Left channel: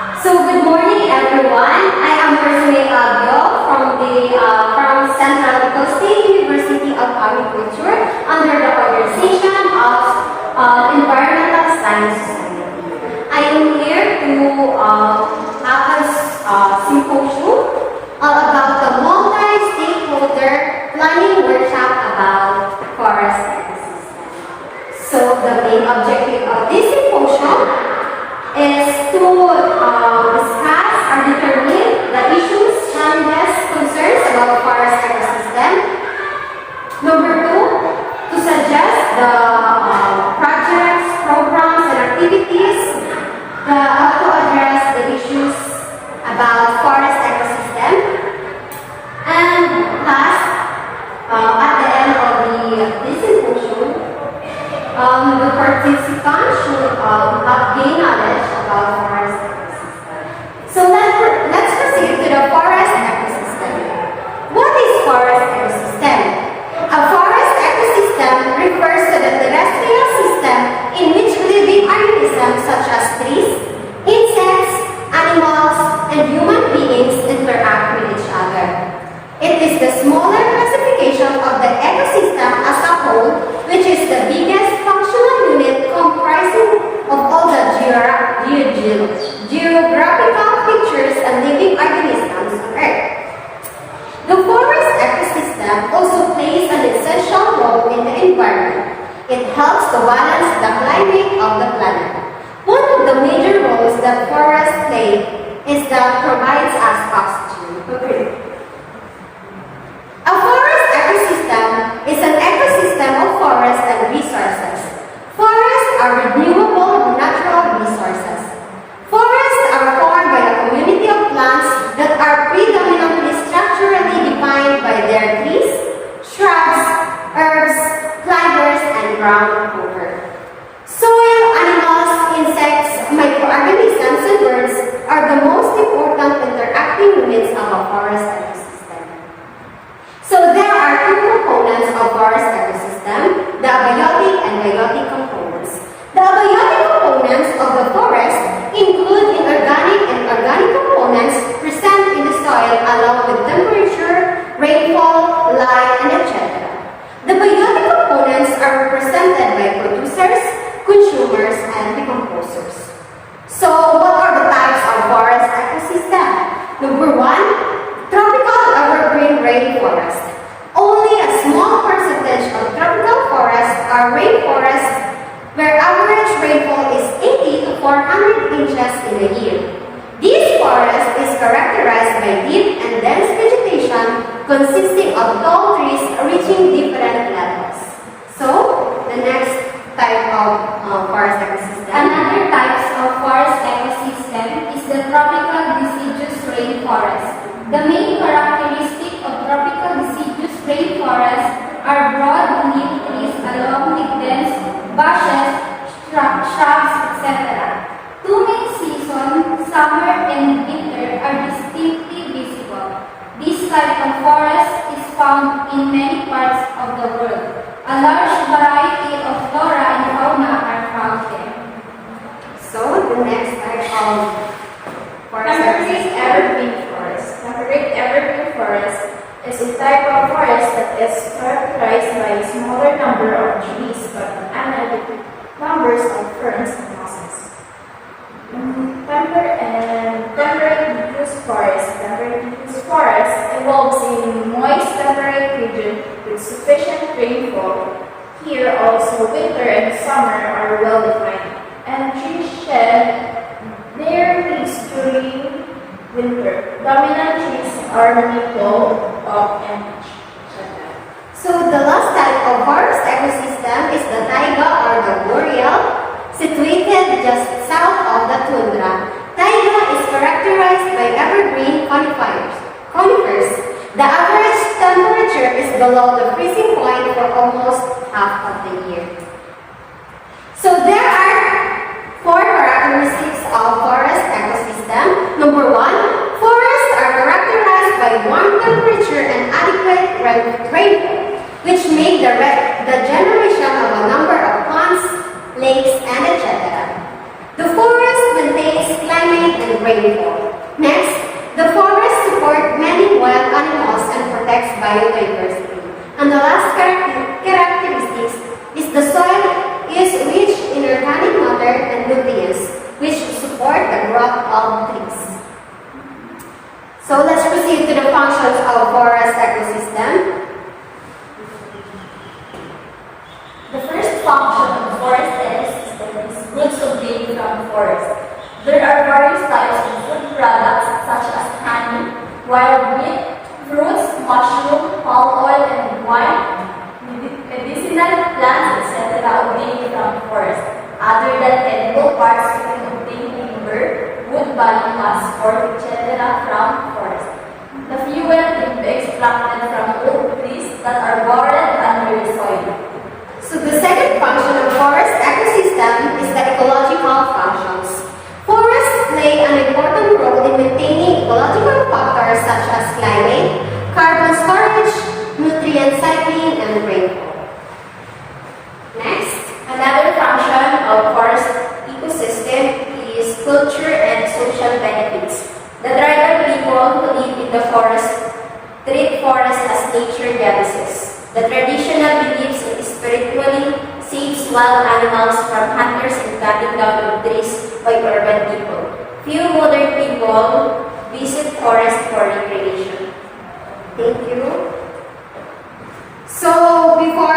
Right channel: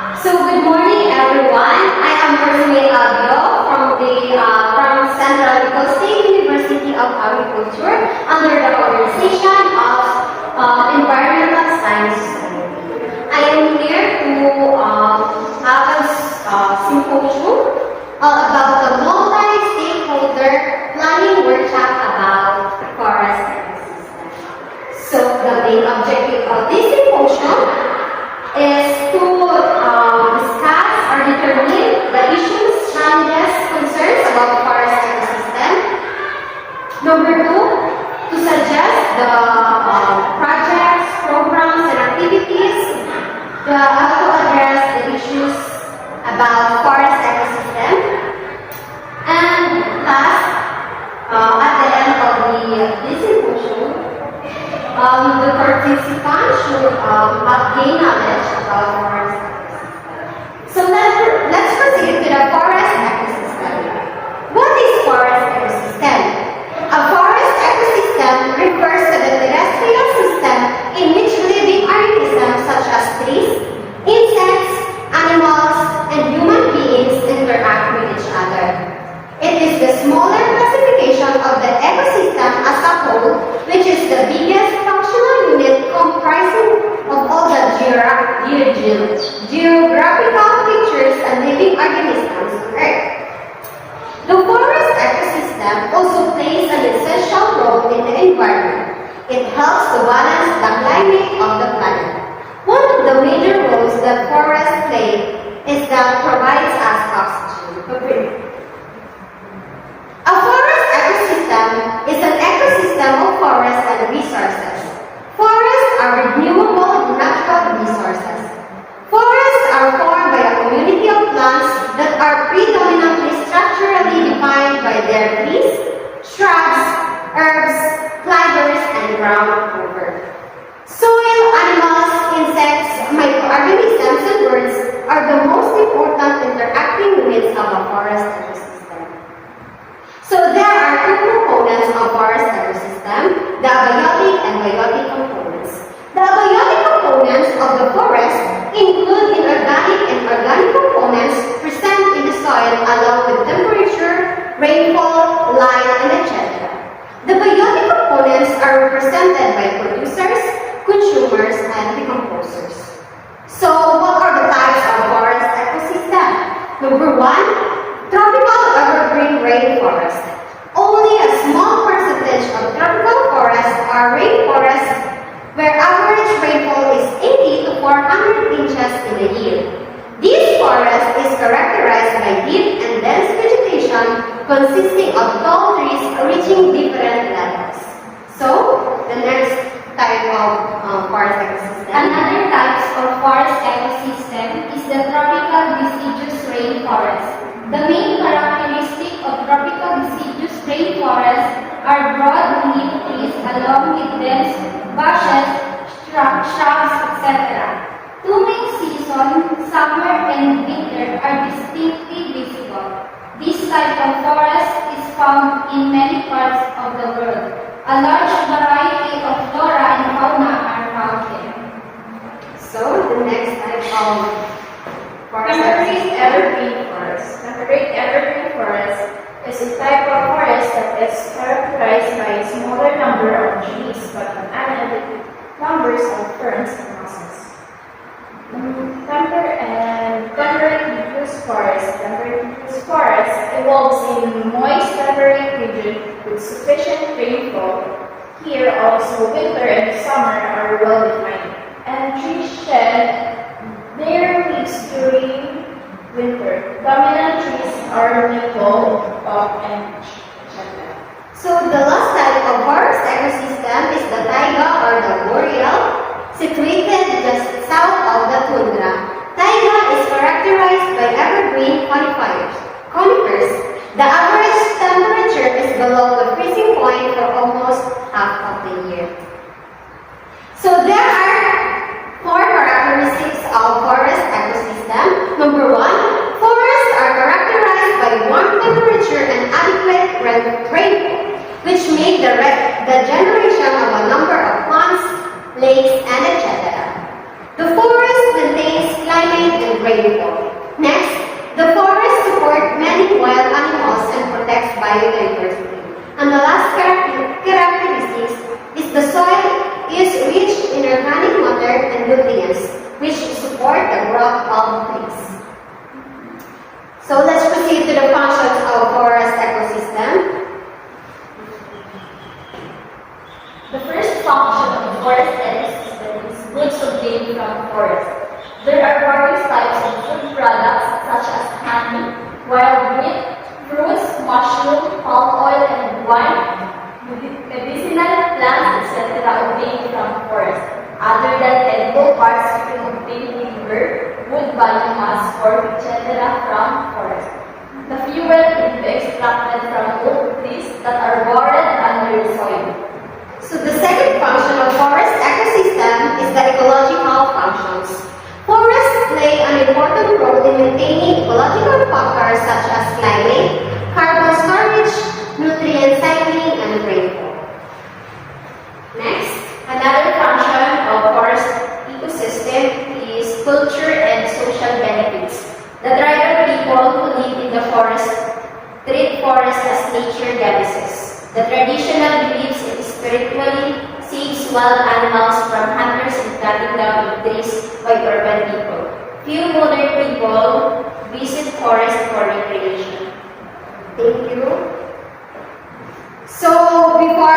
So good morning, everyone. I am Rosemary Abio from Central Coast State University of Agriculture under the organization of Environmental Science Society. I am here to have a symposium about the multi-stakeholder planning workshop about forest ecosystem. So the main objective of this symposium is to discuss or determine the issues, challenges, concerns about forest ecosystem. Number two, to suggest the projects, programs, and activities how to address the issues about forest ecosystem. And last, at the end of this symposium, the participants should have gained knowledge about forest ecosystem. So let's proceed to the forest ecosystem. What is forest ecosystem? A forest ecosystem refers to the terrestrial system in which living organisms such as trees, insects, animals, and human beings interact with each other. It is the smaller classification of the ecosystem as a whole, which is the biggest functional unit comprising of all the geographical features and living organisms on Earth. The forest ecosystem also plays an essential role in the environment. It helps to balance the climate of the planet. One of the major roles that forests play is that provides us oxygen to breathe. A forest ecosystem is an ecosystem of forests and resources. Forests are renewable natural resources. Forests are formed by a community of plants that are predominantly structurally defined by their trees, shrubs, herbs, climbers, and ground cover. Soil, animals, insects, microorganisms, and birds are the most important interacting units of a forest ecosystem. So there are two components of forest ecosystem, the abiotic and biotic components. The abiotic components of the forest include inorganic and organic components present in the soil along with temperature, rainfall, light, and etc. The biotic components are represented by producers, consumers, and decomposers. So what are the types of forest ecosystem? Number one, tropical evergreen rainforest. Only a small percentage of tropical forests are rainforests where average rainfall is 80 to 400 inches in a year. This forest is characterized by deep and dense vegetation consisting of tall trees reaching different levels. So, the next type of forest ecosystem. Another type of forest ecosystem is the tropical deciduous rainforest. The main characteristic of tropical deciduous rainforests are broad leaf trees along with dense bushes, shrubs, etc. Two main seasons, summer and winter, are distinctly visible. This type of forest is found in many parts of the world. A large variety of flora and fauna are found there. So, the next type of forest Temperate evergreen forest. Temperate evergreen forest is a type of forest that is characterized by a smaller number of trees but unadequate numbers of ferns and mosses. Temperate diffuse forest. Temperate diffuse forest evolves in moist temperate region with sufficient rainfall. Here also winter and summer are well defined, and trees shed their leaves during winter. Dominant trees are maple, oak, and shaggy. So the last type of forest ecosystem is the taiga or the boreal, situated just south of the tundra. Taiga is characterized by evergreen conifers. The average temperature is below the freezing point for almost half of the year. So there are four characteristics of forest ecosystem. Number one, forests are characterized by warm temperature and adequate rainfall, which make the generation of a number of ponds, lakes, and etc. The forest maintains climate and rainfall. rainfall. Next, the forests support many wild animals and protects biodiversity. And the last characteristics is the soil is rich in organic matter and nutrients, which support the growth of trees. So let's proceed to the functions of forest ecosystem. The first function of forest ecosystem is goods obtained from forest. There are various types of food products such as honey, wild meat, fruits, mushroom, palm oil, and wine, medicinal plants, etc. obtained from forest. Other than edible parts, you can obtain timber, wood, biomass, pork, etc. from forest. The fuel can be extracted from oak trees that are buried under the soil. So the second function of forest ecosystem is the ecological functions. Forests play an important role in maintaining ecological factors such as climate, carbon storage, nutrient cycling, and rainfall. Next, Another function of forest ecosystem is culture and social benefits. The tribal people who live in the forest treat forest as nature goddesses. The traditional beliefs it spiritually saves wild animals from hunters and cutting down of trees by urban people. Few modern people visit forest for recreation. thank you. So before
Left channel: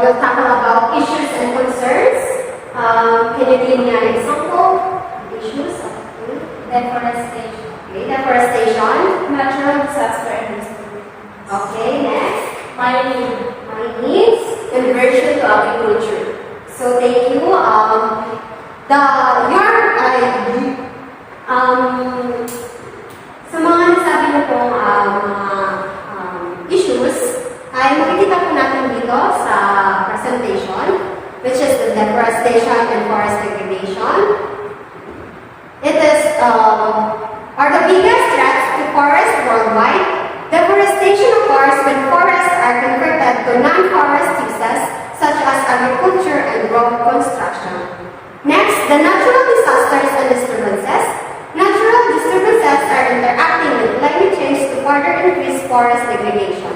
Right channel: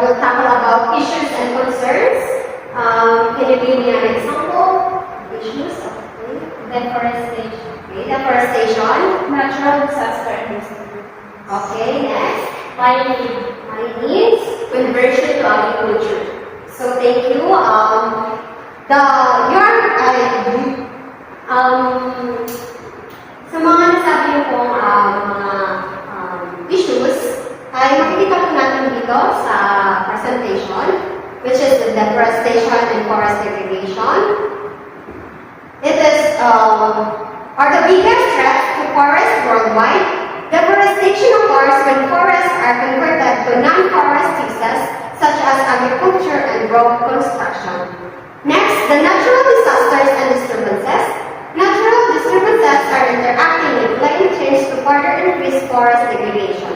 we'll tackle about issues and concerns, can you give me an example of issues? Okay. Deforestation. Okay, deforestation. Natural disaster and history. Okay, next. Mining. Mining. Conversion to agriculture. So thank you. Sa mga nasabi niyo pong issues, ay makikita po natin dito sa presentation, which is the deforestation and forest degradation. It is are the biggest threats to forests worldwide. Deforestation occurs when forests are converted to non-forest uses such as agriculture and road construction. Next, the natural disasters and disturbances. Natural disturbances are interacting with climate change to further increase forest degradation.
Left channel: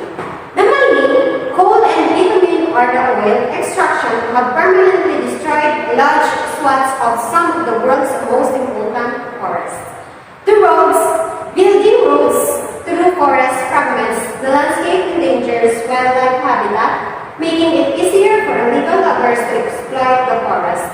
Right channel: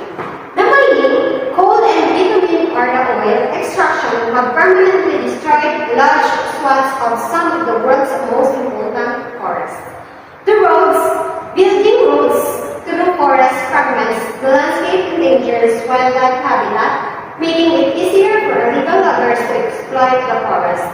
The mining, coal and bitumen or the oil extraction have permanently destroyed large swaths of some of the world's most important forests. The roads, building roads through forest fragments, the landscape endangers wildlife habitat, making it easier for illegal loggers to exploit the forest.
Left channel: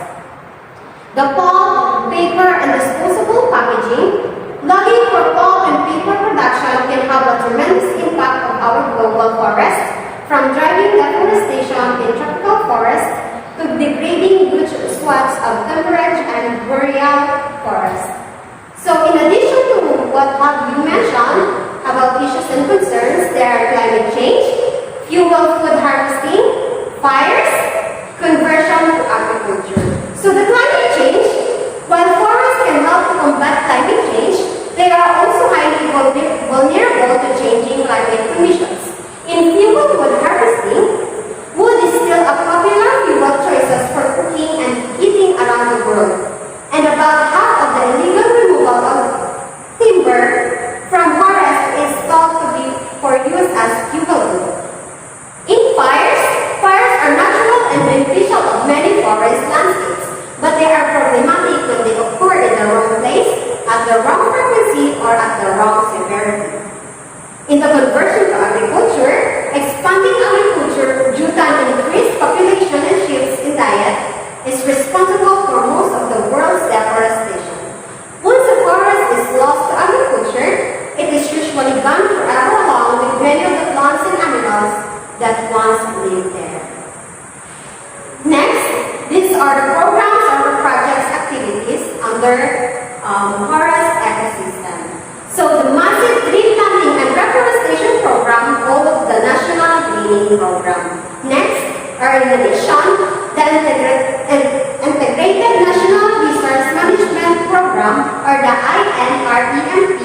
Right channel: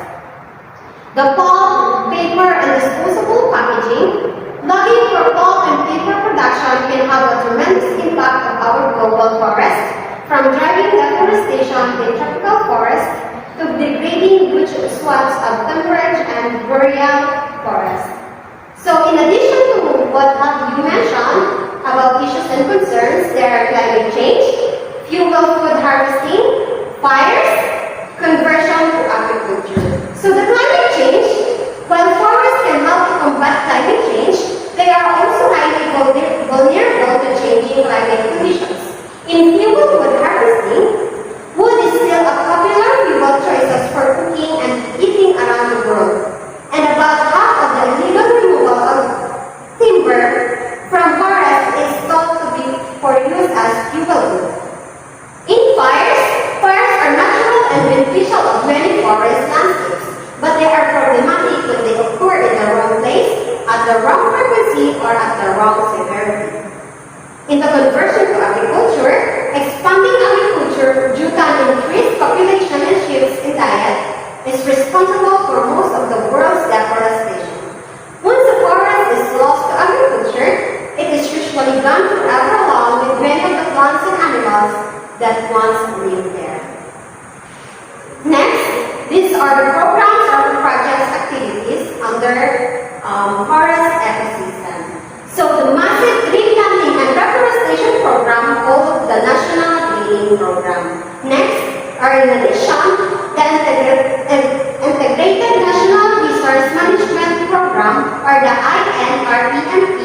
The pulp, paper, and disposable packaging. Logging for pulp and paper production can have a tremendous impact on our global forests, from driving deforestation in tropical forests to degrading huge swaths of temperate and boreal forests. So in addition to what have you mentioned about issues and concerns, there are climate change, fuel food harvesting, fires, conversion to agriculture. So the climate change, while forests can help to combat climate change, they are also highly vulnerable to changing climate conditions. In fuel wood harvesting, wood is still a popular fuel choices for cooking and heating around the world. And about half of the illegal removal of timber from forests is thought to be for use as fuel wood. In fires, fires are natural and beneficial of many forest landscapes, but they are problematic when they occur in the wrong place, at the wrong frequency, or at the wrong severity. In the conversion to agriculture, expanding agriculture due to an increased population and shifts in diet is responsible for most of the world's deforestation. Once a forest is lost to agriculture, it is usually gone forever along with many of the plants and animals that once lived there. Next, these are the programs or projects activities under forest ecosystem. So the massive tree planting and reforestation program called the National Greening Program. Next, or in addition, the Integrated National Resource Management Program or the INREMP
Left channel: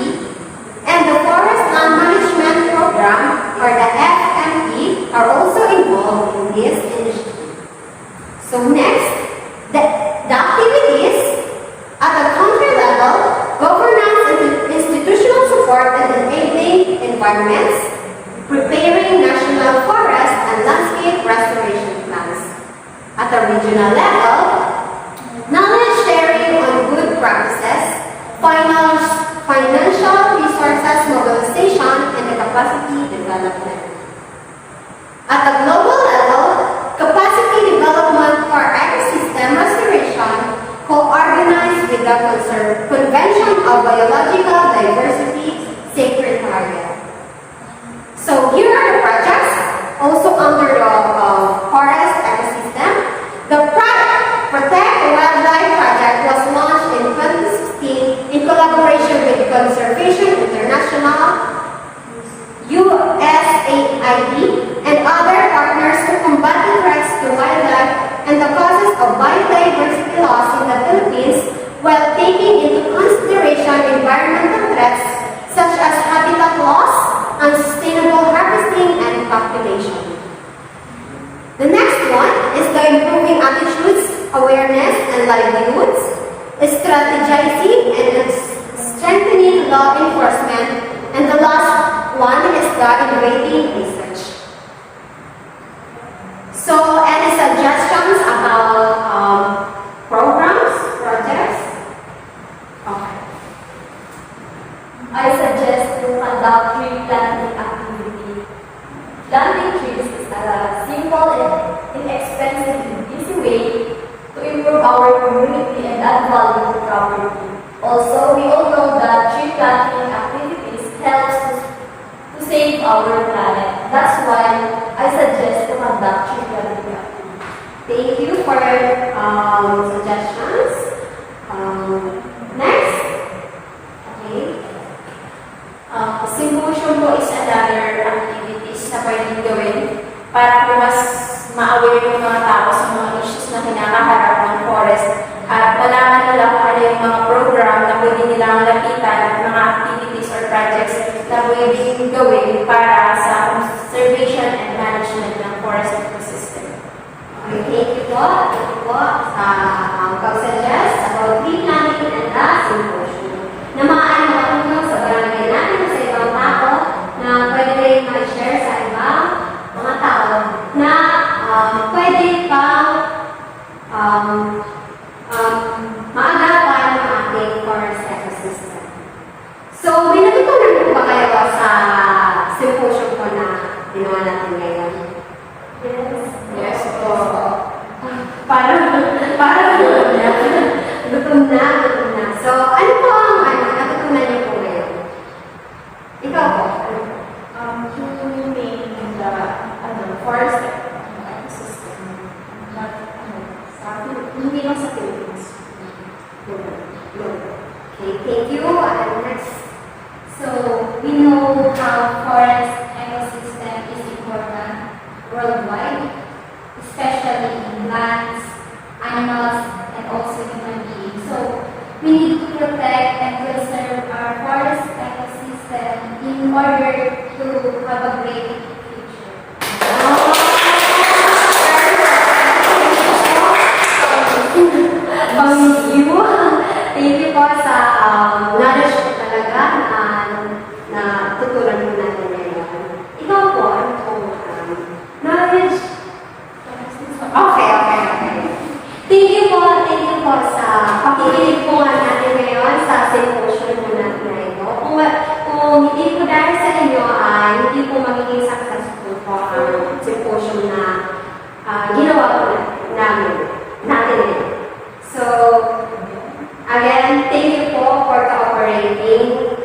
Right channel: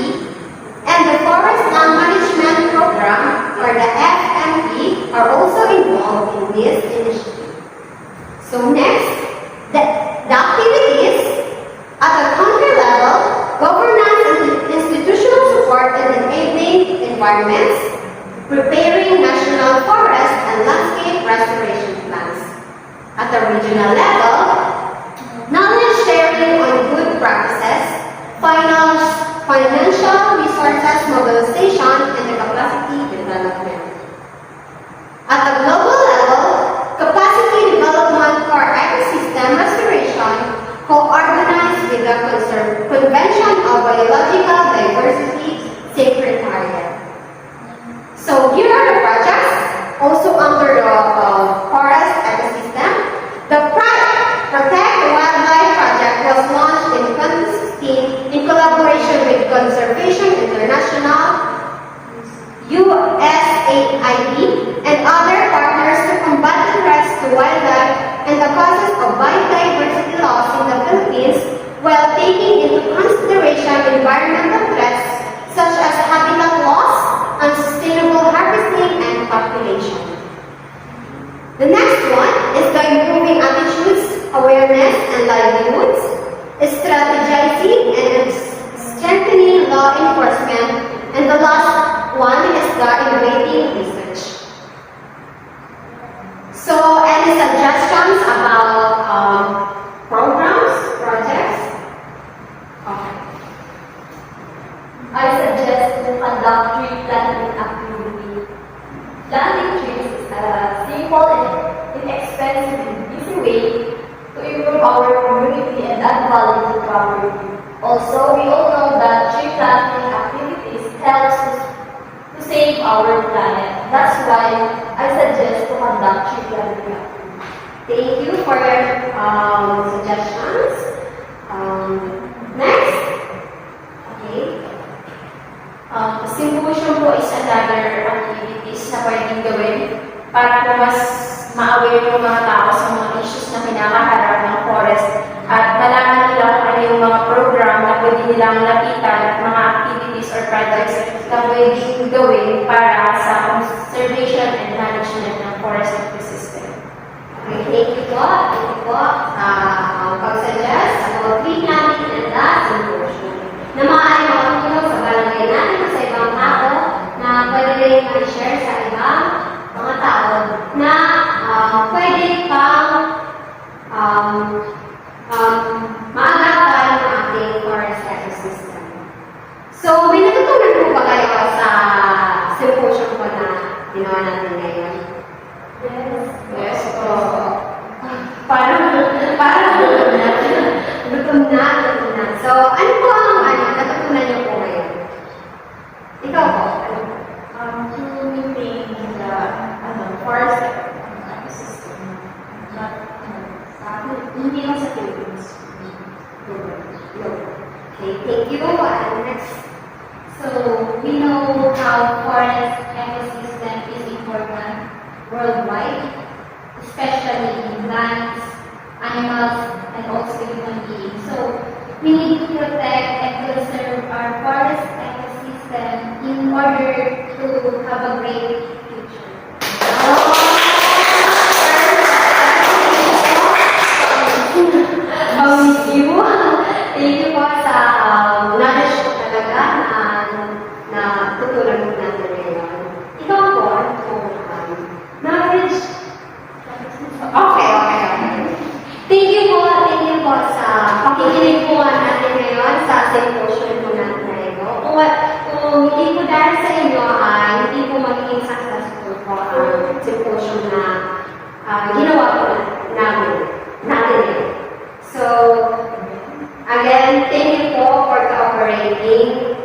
and the Forest Land Management Program or the FMP are also involved in this initiative. So next, the activities at the country level, government environments, preparing national forest and landscape restoration plans. At the regional level, knowledge sharing on good practices, financial resources mobilization, and the capacity development. At the global level, capacity development for ecosystem restoration co-organized with the Convention of Biological Diversity Secretariat. So here are the projects also under the forest ecosystem. The Protect Wildlife Project was launched in 2016 in collaboration with Conservation International, USAID, and other partners to combat the threats to wildlife and the causes of biodiversity loss in the Philippines while taking into consideration environmental threats such as habitat loss, unsustainable harvesting, and population. The next one is the improving attitudes, awareness, and livelihoods, strategizing and strengthening law enforcement, and the last one is the innovating research. So, any suggestions about programs, projects? Okay. I suggest to conduct tree planting activity. Planting trees is a simple and inexpensive and easy way to improve our community and add value to property. Also, we all know that tree planting activities helps to save our planet. That's why I suggest to conduct tree planting activity. Thank you for your suggestions. Next. Okay. Symposium po is another activities na pwedeng gawin para po mas ma-aware yung mga tao sa mga issues na kinakaharap ng forest at malaman nila kung ano yung mga program na pwede nilang lapitan at mga activities or projects na pwedeng gawin para sa conservation and management ng forest ecosystem. Okay, thank you po. Thank you po sa pag-suggest about tree planting and the symposium na maaari makatulong sa barangay natin sa ibang tao na pwede rin ma-share sa ibang mga tao na pwede pang maagapan ng ating forest ecosystem. So, may natutunan po ba kayo sa symposium po na ginawa natin ngayon? Yes. Yes, po. Parang gutom na. So, ano po ang natutunan niyo po ngayon? Ikaw po, ano po? To maintain the forest ecosystem. Hindi lang sa Philippines. Okay, thank you. And next. So, we know how forest ecosystem is important worldwide, especially in plants, animals, and also human beings. So, we need to protect and conserve our forest ecosystem in order to have a great future. Thank you. Thank you po sa knowledge po talaga na tutunan mo natin ngayon. Ikaw po, ano po knowledge? Okay. Thank you po sa pakikinig po nga natin ngayon sa symposium po natin na ito. Kung hindi po dahil sa inyo ay hindi po magiging successful po ang symposium na ginawa po natin ngayon. So, again, thank you po for cooperating